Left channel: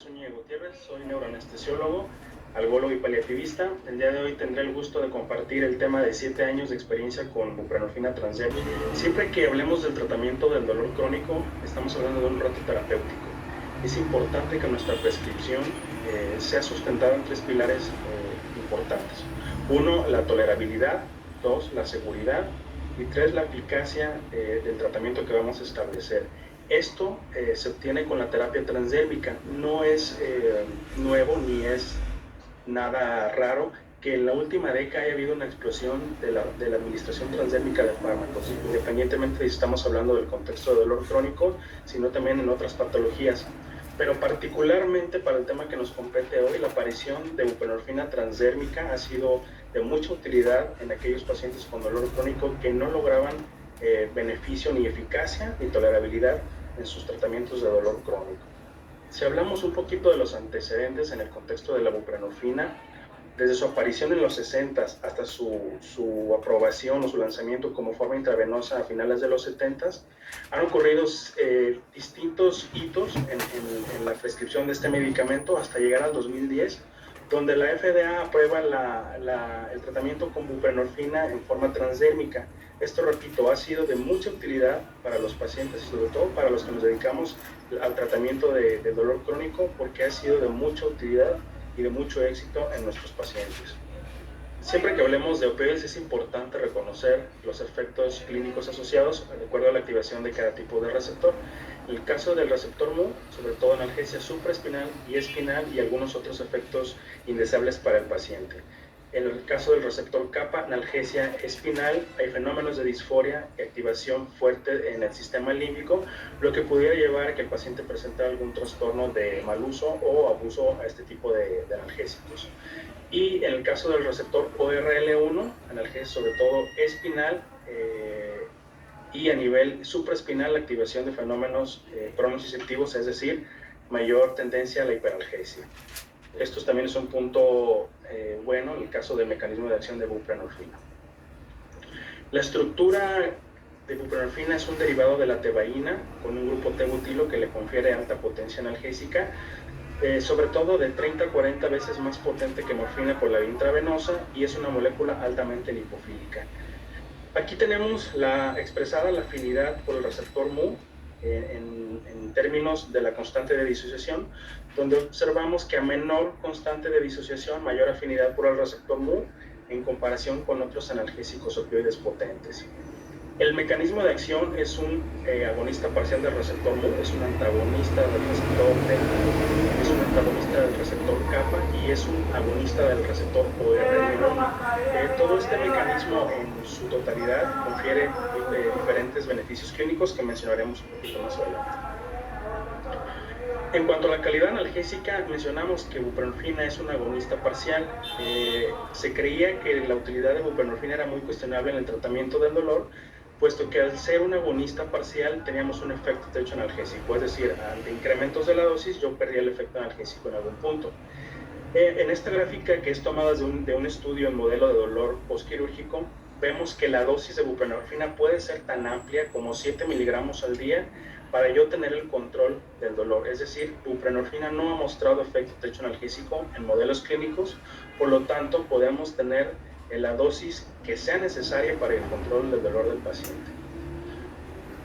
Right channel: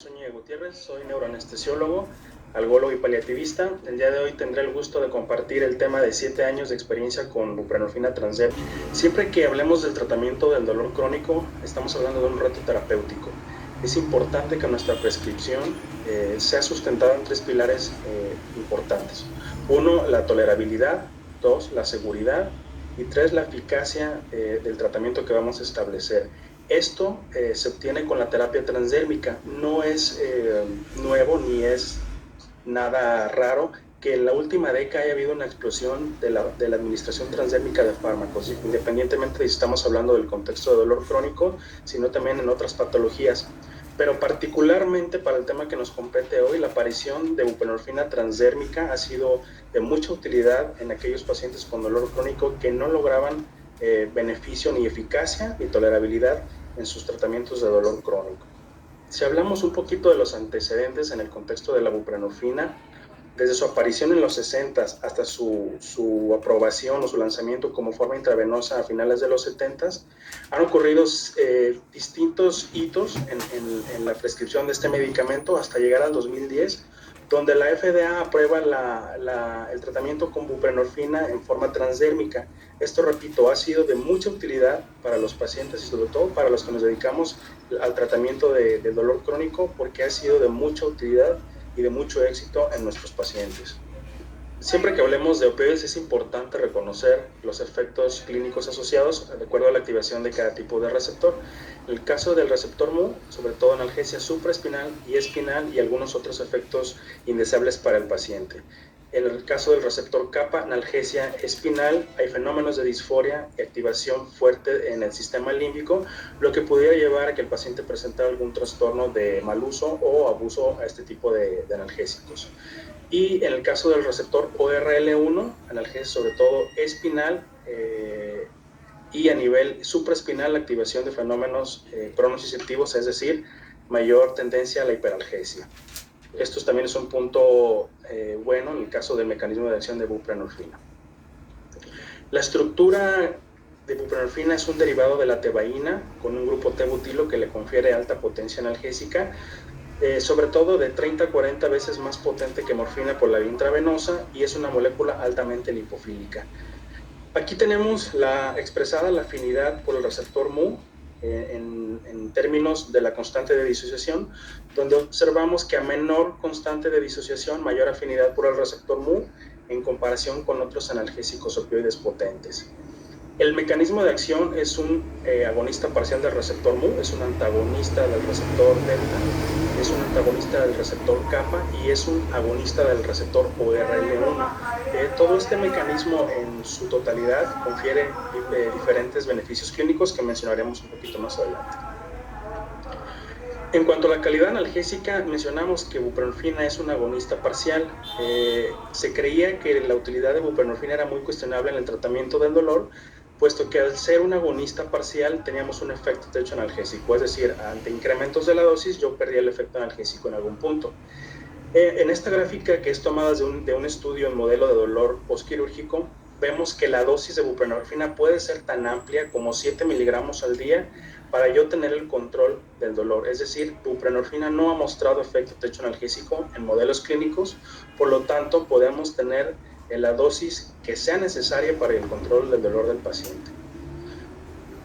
Soy Ñigue Gutiérrez, soy neuroanestesiólogo, algólogo y paliativista. El día de hoy tendré el gusto de compartir el tema de 7 años de experiencia con buprenorfina transdérmica. Siempre que hablemos del tratamiento del dolor crónico, estamos hablando de un reto terapéutico. Es importante que nuestra prescripción sea sustentada en 3 pilares importantes. 1, la tolerabilidad; 2, la seguridad; y 3, la eficacia del tratamiento que vamos a establecer. Esto se obtiene con la terapia transdérmica. No es nuevo ni es nada raro que en la última década haya habido una explosión de la administración transdérmica de fármacos, independientemente de si estamos hablando del contexto de dolor crónico, sino también en otras patologías. Pero particularmente para el tema que nos compete hoy, la aparición de buprenorfina transdérmica ha sido de mucha utilidad en aquellos pacientes con dolor crónico que no lograban beneficio ni eficacia ni tolerabilidad en sus tratamientos de dolor crónico. Si hablamos un poquito de los antecedentes en el contexto de la buprenorfina, desde su aparición en los 60 hasta su aprobación o su lanzamiento como forma intravenosa a finales de los 70, han ocurrido distintos hitos en la prescripción de este medicamento hasta llegar al 2010, donde la FDA aprueba el tratamiento con buprenorfina en forma transdérmica. Esto, repito, ha sido de mucha utilidad para los pacientes y sobre todo para los que nos dedicamos al tratamiento de dolor crónico, porque ha sido de mucha utilidad y de mucho éxito en nuestros pacientes. Siempre que hablemos de opioides es importante reconocer los efectos clínicos asociados de acuerdo a la activación de cada tipo de receptor. En el caso del receptor Mu, sobre todo analgesia supraespinal y espinal y algunos otros efectos indeseables para el paciente. En el caso del receptor kappa, analgesia espinal, hay fenómenos de disforia y activación fuerte en el sistema límbico, lo que pudiera llevar a que el paciente presente algún trastorno de mal uso o abuso a este tipo de analgésicos. Y en el caso del receptor ORL1, analgesia sobre todo espinal, y a nivel supraespinal, la activación de fenómenos pronociceptivos, es decir, mayor tendencia a la hiperalgesia. Esto también es un punto bueno en el caso del mecanismo de acción de buprenorfina. La estructura de buprenorfina es un derivado de la tebaína con un grupo T-butilo que le confiere alta potencia analgésica, sobre todo de 30 a 40 veces más potente que morfina por la vía intravenosa, y es una molécula altamente lipofílica. Aquí tenemos expresada la afinidad por el receptor Mu en términos de la constante de disociación, donde observamos que a menor constante de disociación, mayor afinidad por el receptor Mu en comparación con otros analgésicos opioides potentes. El mecanismo de acción es un agonista parcial del receptor Mu, es un antagonista del receptor kappa y es un agonista del receptor ORL1. Todo este mecanismo en su totalidad confiere diferentes beneficios clínicos que mencionaremos un poquito más adelante. En cuanto a la calidad analgésica, mencionamos que buprenorfina es un agonista parcial. Se creía que la utilidad de buprenorfina era muy cuestionable en el tratamiento del dolor, puesto que al ser un agonista parcial teníamos un efecto techo analgésico, es decir, ante incrementos de la dosis yo perdía el efecto analgésico en algún punto. En esta gráfica, que es tomada de un estudio en modelo de dolor postquirúrgico, vemos que la dosis de buprenorfina puede ser tan amplia como 7 miligramos al día para yo tener el control del dolor. Es decir, buprenorfina no ha mostrado efecto techo analgésico en modelos clínicos, por lo tanto podemos tener la dosis que sea necesaria para el control del dolor del paciente.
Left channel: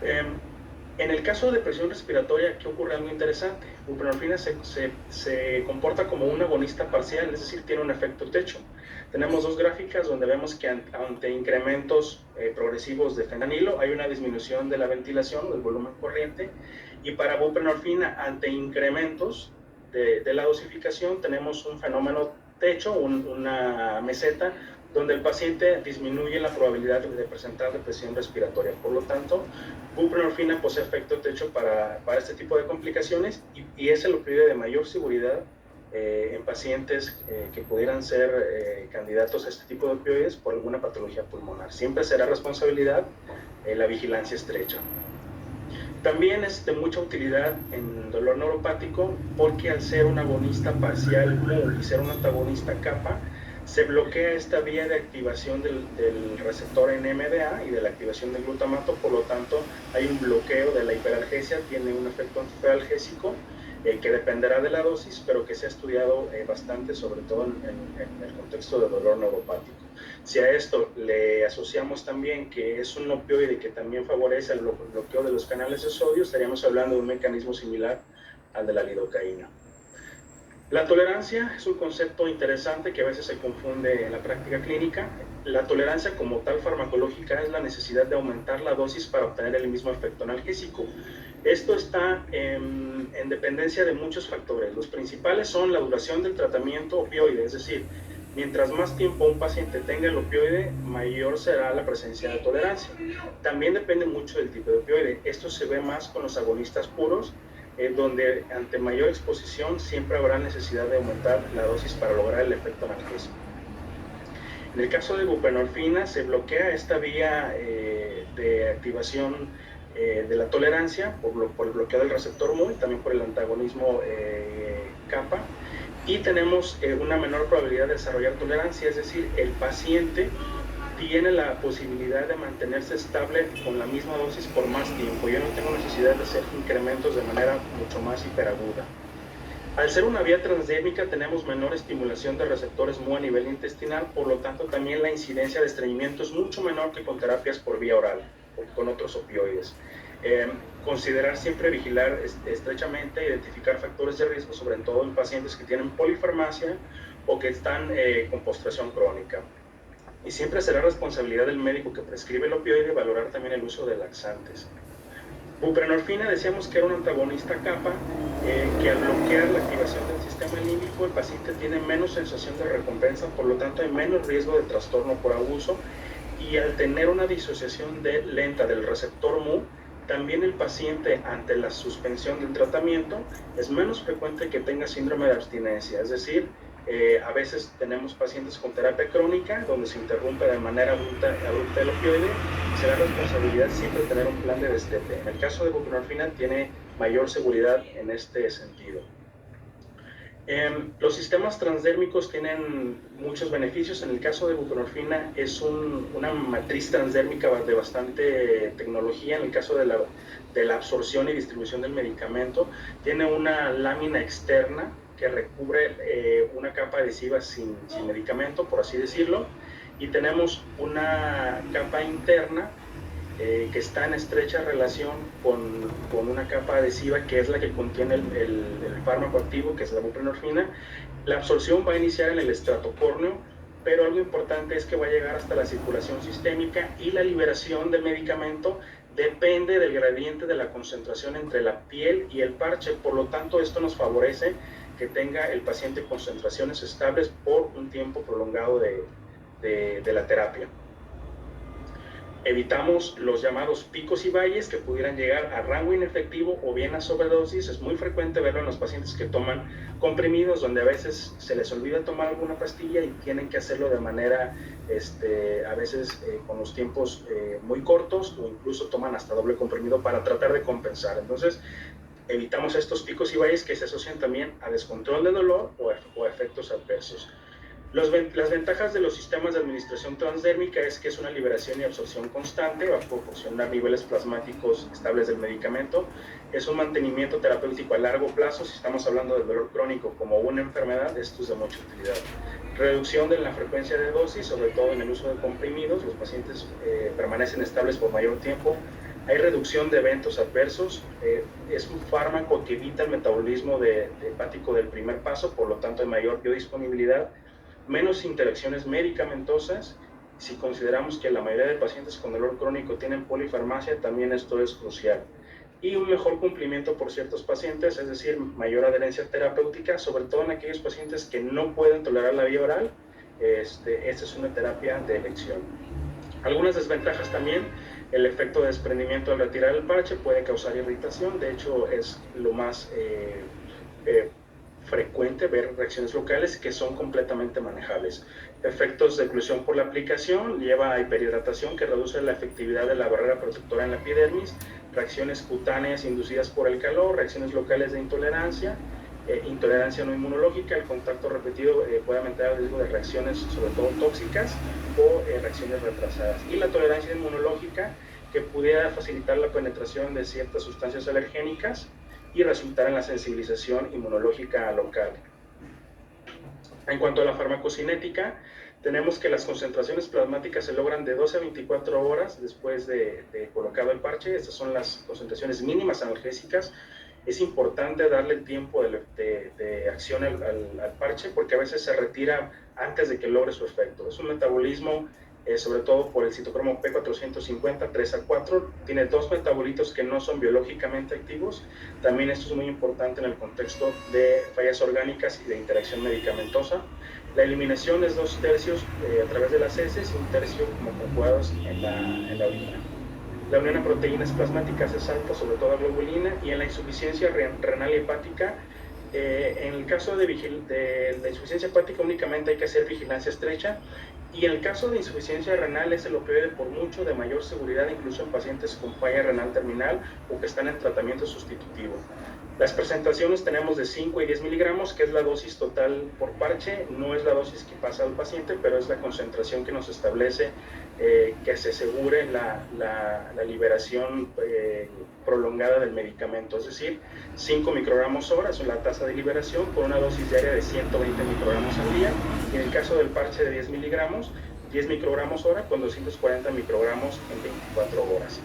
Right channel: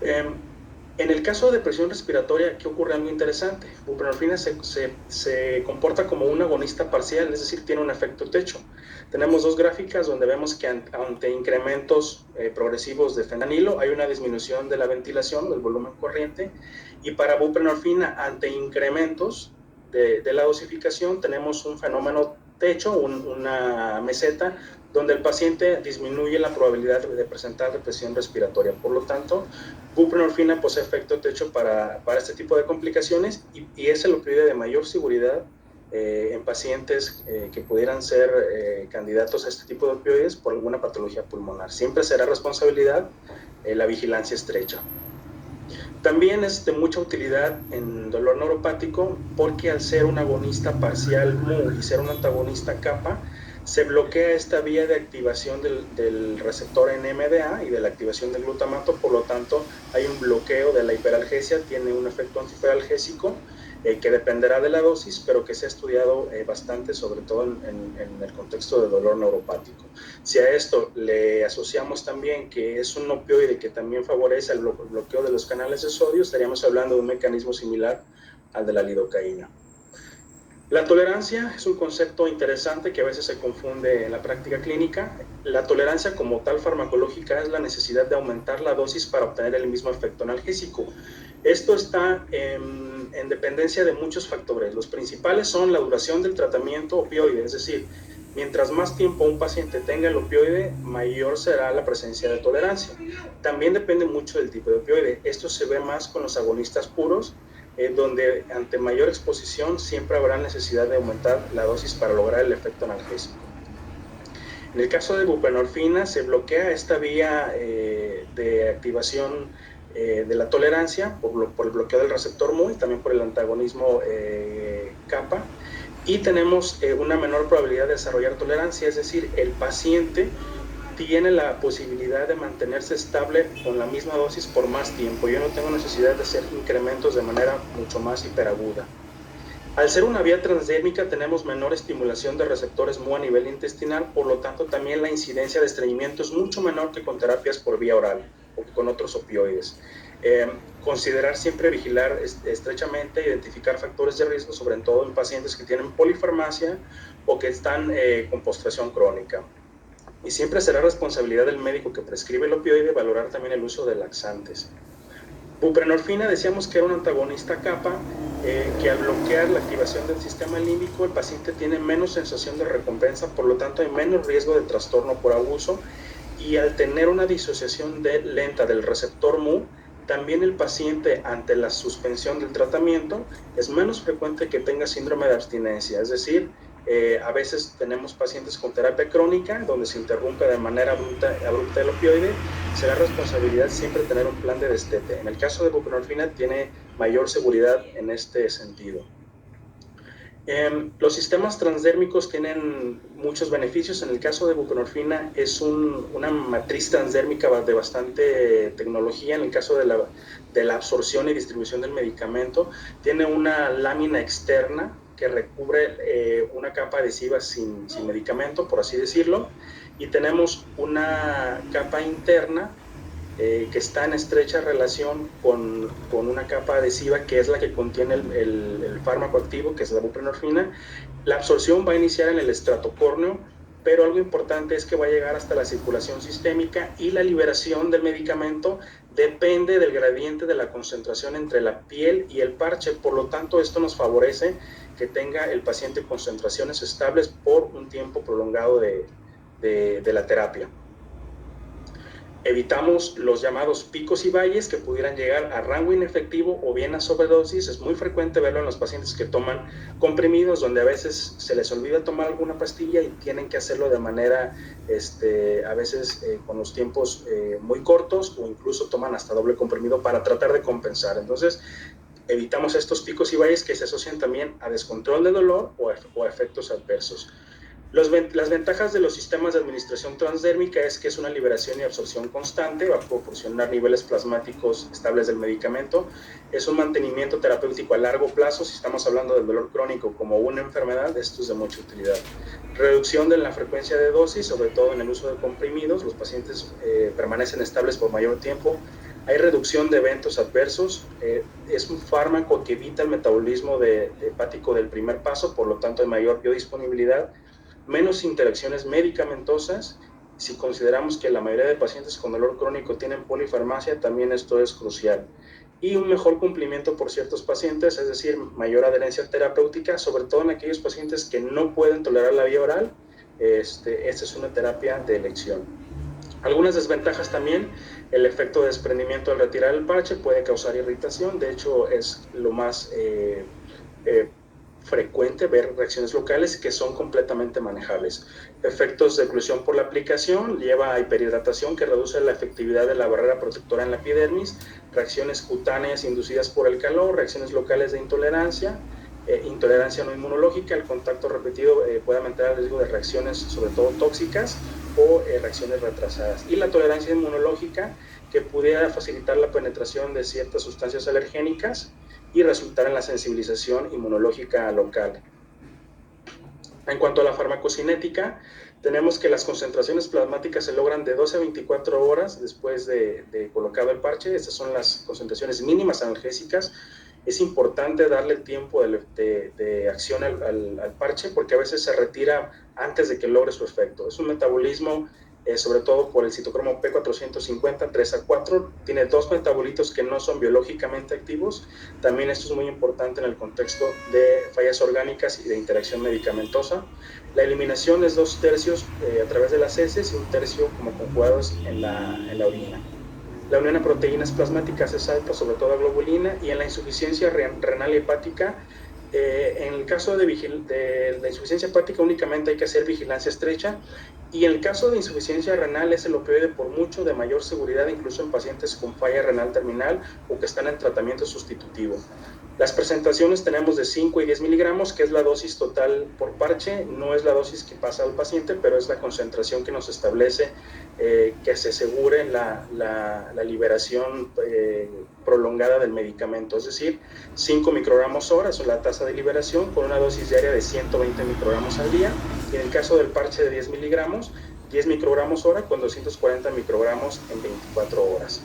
En el caso de presión respiratoria, ¿qué ocurre? Algo interesante. Buprenorfina se comporta como un agonista parcial, es decir, tiene un efecto techo. Tenemos dos gráficas donde vemos que ante incrementos progresivos de fentanilo hay una disminución de la ventilación, del volumen corriente, y para buprenorfina, ante incrementos de la dosificación, tenemos un fenómeno techo, una meseta, donde el paciente disminuye la probabilidad de presentar depresión respiratoria. Por lo tanto, buprenorfina posee efecto techo para este tipo de complicaciones y es el opioide de mayor seguridad en pacientes que pudieran ser candidatos a este tipo de opioides por alguna patología pulmonar. Siempre será responsabilidad la vigilancia estrecha. También es de mucha utilidad en dolor neuropático porque al ser un agonista parcial Mu y ser un antagonista kappa, se bloquea esta vía de activación del receptor NMDA y de la activación del glutamato, por lo tanto hay un bloqueo de la hiperalgesia, tiene un efecto antihiperalgésico que dependerá de la dosis, pero que se ha estudiado bastante, sobre todo en el contexto de dolor neuropático. Si a esto le asociamos también que es un opioide que también favorece el bloqueo de los canales de sodio, estaríamos hablando de un mecanismo similar al de la lidocaína. La tolerancia es un concepto interesante que a veces se confunde en la práctica clínica. La tolerancia como tal farmacológica es la necesidad de aumentar la dosis para obtener el mismo efecto analgésico. Esto está en dependencia de muchos factores. Los principales son la duración del tratamiento opioide, es decir, mientras más tiempo un paciente tenga el opioide, mayor será la presencia de tolerancia. También depende mucho del tipo de opioide. Esto se ve más con los agonistas puros, donde ante mayor exposición siempre habrá necesidad de aumentar la dosis para lograr el efecto analgésico. En el caso de buprenorfina se bloquea esta vía de activación de la tolerancia por el bloqueo del receptor MUL, también por el antagonismo kappa, y tenemos una menor probabilidad de desarrollar tolerancia, es decir, el paciente tiene la posibilidad de mantenerse estable con la misma dosis por más tiempo. Yo no tengo necesidad de hacer incrementos de manera mucho más hiperaguda. Al ser una vía transdérmica tenemos menor estimulación de receptores MU a nivel intestinal, por lo tanto también la incidencia de estreñimiento es mucho menor que con terapias por vía oral o con otros opioides. Considerar siempre vigilar estrechamente, identificar factores de riesgo, sobre todo en pacientes que tienen polifarmacia o que están con postración crónica. Y siempre será responsabilidad del médico que prescribe el opioide valorar también el uso de laxantes. Buprenorfina decíamos que era un antagonista kappa, que al bloquear la activación del sistema límbico el paciente tiene menos sensación de recompensa, por lo tanto hay menos riesgo de trastorno por abuso, y al tener una disociación lenta del receptor MU, también el paciente ante la suspensión del tratamiento es menos frecuente que tenga síndrome de abstinencia, es decir, a veces tenemos pacientes con terapia crónica donde se interrumpe de manera abrupta el opioide. Será responsabilidad siempre tener un plan de destete. En el caso de buprenorfina tiene mayor seguridad en este sentido. Los sistemas transdérmicos tienen muchos beneficios. En el caso de buprenorfina es una matriz transdérmica de bastante tecnología. En el caso de la absorción y distribución del medicamento, tiene una lámina externa que recubre una capa adhesiva sin medicamento, por así decirlo, y tenemos una capa interna que está en estrecha relación con una capa adhesiva que es la que contiene el fármaco activo, que es la buprenorfina. La absorción va a iniciar en el estrato córneo, pero algo importante es que va a llegar hasta la circulación sistémica, y la liberación del medicamento depende del gradiente de la concentración entre la piel y el parche. Por lo tanto, esto nos favorece que tenga el paciente concentraciones estables por un tiempo prolongado de la terapia. Evitamos los llamados picos y valles que pudieran llegar a rango inefectivo o bien a sobredosis. Es muy frecuente verlo en los pacientes que toman comprimidos, donde a veces se les olvida tomar alguna pastilla y tienen que hacerlo de manera, a veces con los tiempos muy cortos, o incluso toman hasta doble comprimido para tratar de compensar. Entonces, evitamos estos picos y valles que se asocian también a descontrol de dolor o efectos adversos. Las ventajas de los sistemas de administración transdérmica es que es una liberación y absorción constante, va a proporcionar niveles plasmáticos estables del medicamento, es un mantenimiento terapéutico a largo plazo. Si estamos hablando del dolor crónico como una enfermedad, esto es de mucha utilidad. Reducción de la frecuencia de dosis, sobre todo en el uso de comprimidos, los pacientes permanecen estables por mayor tiempo. Hay reducción de eventos adversos, es un fármaco que evita el metabolismo hepático del primer paso, por lo tanto hay mayor biodisponibilidad, menos interacciones medicamentosas. Si consideramos que la mayoría de pacientes con dolor crónico tienen polifarmacia, también esto es crucial. Y un mejor cumplimiento por ciertos pacientes, es decir, mayor adherencia terapéutica, sobre todo en aquellos pacientes que no pueden tolerar la vía oral. Esta es una terapia de elección. Algunas desventajas también: el efecto de desprendimiento al retirar el parche puede causar irritación. De hecho, es lo más frecuente ver reacciones locales que son completamente manejables. Efectos de oclusión por la aplicación lleva a hiperhidratación, que reduce la efectividad de la barrera protectora en la epidermis, reacciones cutáneas inducidas por el calor, reacciones locales de intolerancia, intolerancia no inmunológica. El contacto repetido puede aumentar el riesgo de reacciones, sobre todo tóxicas, o reacciones retrasadas. Y la tolerancia inmunológica, que pudiera facilitar la penetración de ciertas sustancias alergénicas, y resultar en la sensibilización inmunológica local. En cuanto a la farmacocinética, tenemos que las concentraciones plasmáticas se logran de 12 a 24 horas después de colocado el parche. Estas son las concentraciones mínimas analgésicas. Es importante darle tiempo de acción al parche porque a veces se retira antes de que logre su efecto. Es un metabolismo, sobre todo por el citocromo P450, 3 a 4. Tiene dos metabolitos que no son biológicamente activos. También esto es muy importante en el contexto de fallas orgánicas y de interacción medicamentosa. La eliminación es 2/3 a través de las heces y 1/3 como conjugados en la orina. La unión a proteínas plasmáticas es alta, sobre todo a globulina, y en la insuficiencia renal y hepática, en el caso de la insuficiencia hepática únicamente hay que hacer vigilancia estrecha, y en el caso de insuficiencia renal es el opioide por mucho de mayor seguridad, incluso en pacientes con falla renal terminal o que están en tratamiento sustitutivo. Las presentaciones tenemos de 5 y 10 miligramos, que es la dosis total por parche. No es la dosis que pasa al paciente, pero es la concentración que nos establece que se asegure la liberación prolongada del medicamento. Es decir, 5 microgramos hora es la tasa de liberación con una dosis diaria de 120 microgramos al día. Y en el caso del parche de 10 miligramos, 10 microgramos hora con 240 microgramos en 24 horas.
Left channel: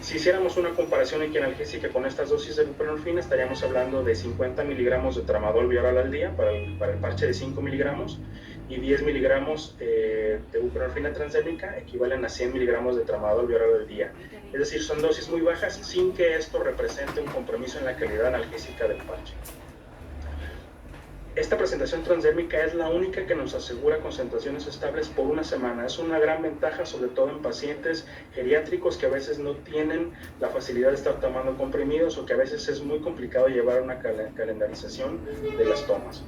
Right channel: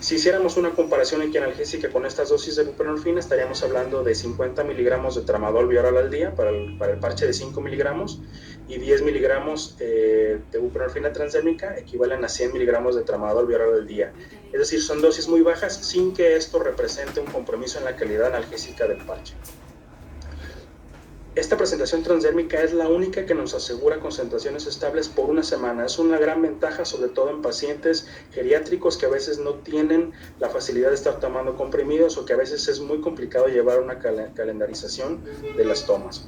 Si hiciéramos una comparación equianalgésica con estas dosis de buprenorfina, estaríamos hablando de 50 miligramos de tramadol bioral al día para el parche de 5 miligramos y 10 miligramos de buprenorfina transdérmica equivalen a 100 miligramos de tramadol bioral al día. Es decir, son dosis muy bajas sin que esto represente un compromiso en la calidad analgésica del parche. Esta presentación transdérmica es la única que nos asegura concentraciones estables por una semana. Es una gran ventaja, sobre todo en pacientes geriátricos que a veces no tienen la facilidad de estar tomando comprimidos o que a veces es muy complicado llevar una calendarización de las tomas.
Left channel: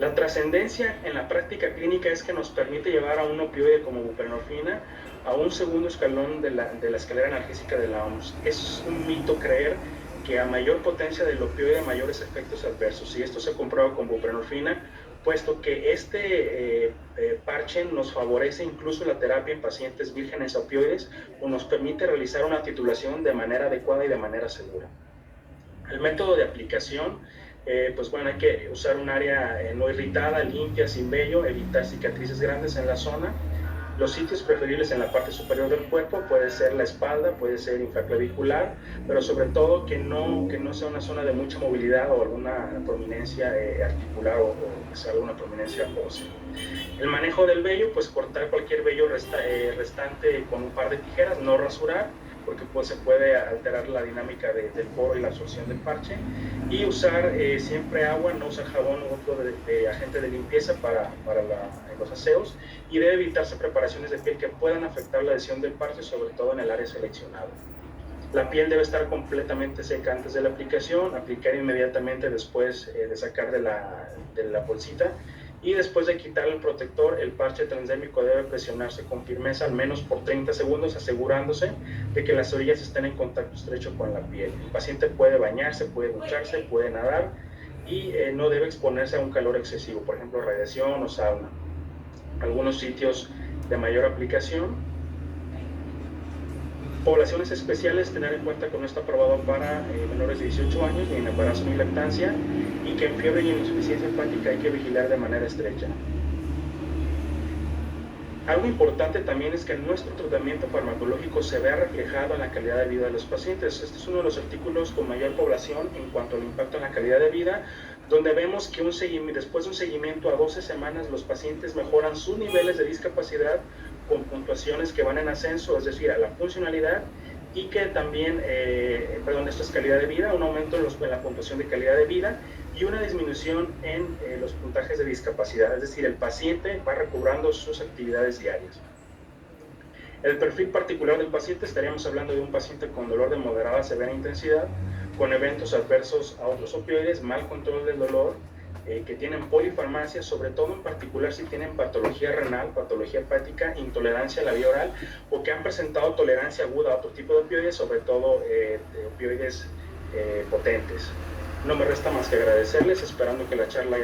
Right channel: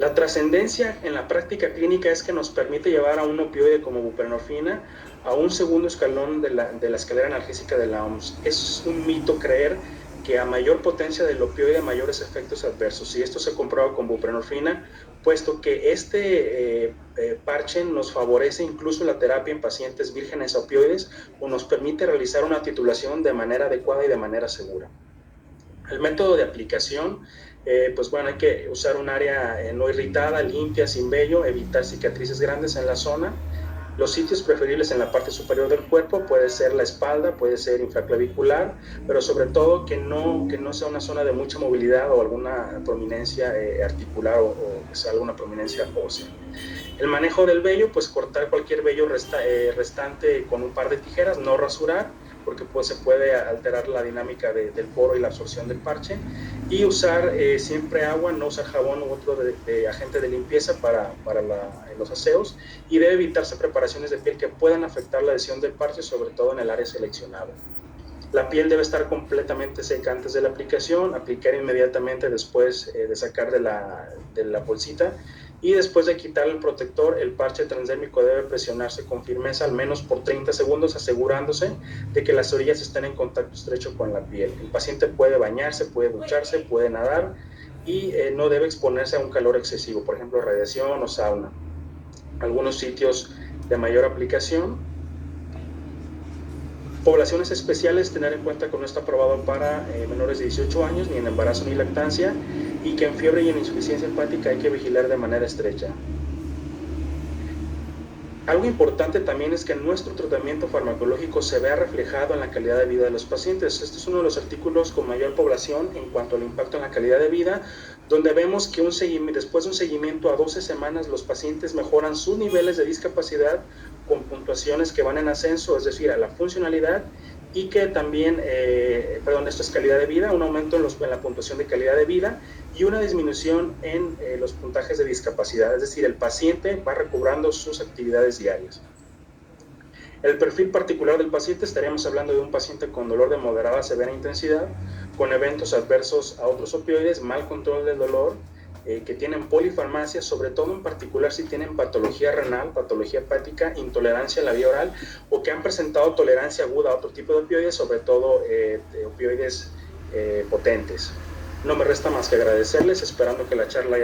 La trascendencia en la práctica clínica es que nos permite llevar a un opioide como buprenorfina a un segundo escalón de la escalera analgésica de la OMS. Es un mito creer que a mayor potencia del opioide, mayores efectos adversos. Y esto se comprueba con buprenorfina, puesto que este parche nos favorece incluso la terapia en pacientes vírgenes a opioides o nos permite realizar una titulación de manera adecuada y de manera segura. El método de aplicación, pues bueno, hay que usar un área no irritada, limpia, sin vello, evitar cicatrices grandes en la zona. Los sitios preferibles en la parte superior del cuerpo puede ser la espalda, puede ser infraclavicular, pero sobre todo que no sea una zona de mucha movilidad o alguna prominencia articular o que sea alguna prominencia ósea. El manejo del vello, pues cortar cualquier vello restante con un par de tijeras, no rasurar, porque pues se puede alterar la dinámica del poro y la absorción del parche, y usar siempre agua, no usar jabón u otro de agente de limpieza para los aseos, y debe evitarse preparaciones de piel que puedan afectar la adhesión del parche, sobre todo en el área seleccionada. La piel debe estar completamente seca antes de la aplicación, aplicar inmediatamente después de sacar de la bolsita, y después de quitar el protector, el parche transdérmico debe presionarse con firmeza al menos por 30 segundos, asegurándose de que las orillas estén en contacto estrecho con la piel. El paciente puede bañarse, puede ducharse, puede nadar y no debe exponerse a un calor excesivo, por ejemplo radiación o sauna. Algunos sitios de mayor aplicación. Poblaciones especiales, tener en cuenta que no está aprobado para menores de 18 años, ni en embarazo ni lactancia, y que en fiebre y en insuficiencia hepática hay que vigilar de manera estrecha. Algo importante también es que nuestro tratamiento farmacológico se vea reflejado en la calidad de vida de los pacientes. Este es uno de los artículos con mayor población en cuanto al impacto en la calidad de vida, donde vemos que después de un seguimiento a 12 semanas los pacientes mejoran sus niveles de discapacidad con puntuaciones que van en ascenso, es decir, a la funcionalidad, y que también, esto es calidad de vida, un aumento en la puntuación de calidad de vida y una disminución en los puntajes de discapacidad, es decir, el paciente va recobrando sus actividades diarias. El perfil particular del paciente, estaríamos hablando de un paciente con dolor de moderada a severa intensidad, con eventos adversos a otros opioides, mal control del dolor, que tienen polifarmacia, sobre todo en particular si tienen patología renal, patología hepática, intolerancia a la vía oral o que han presentado tolerancia aguda a otro tipo de opioides, sobre todo de opioides potentes. No me resta más que agradecerles, esperando que la charla haya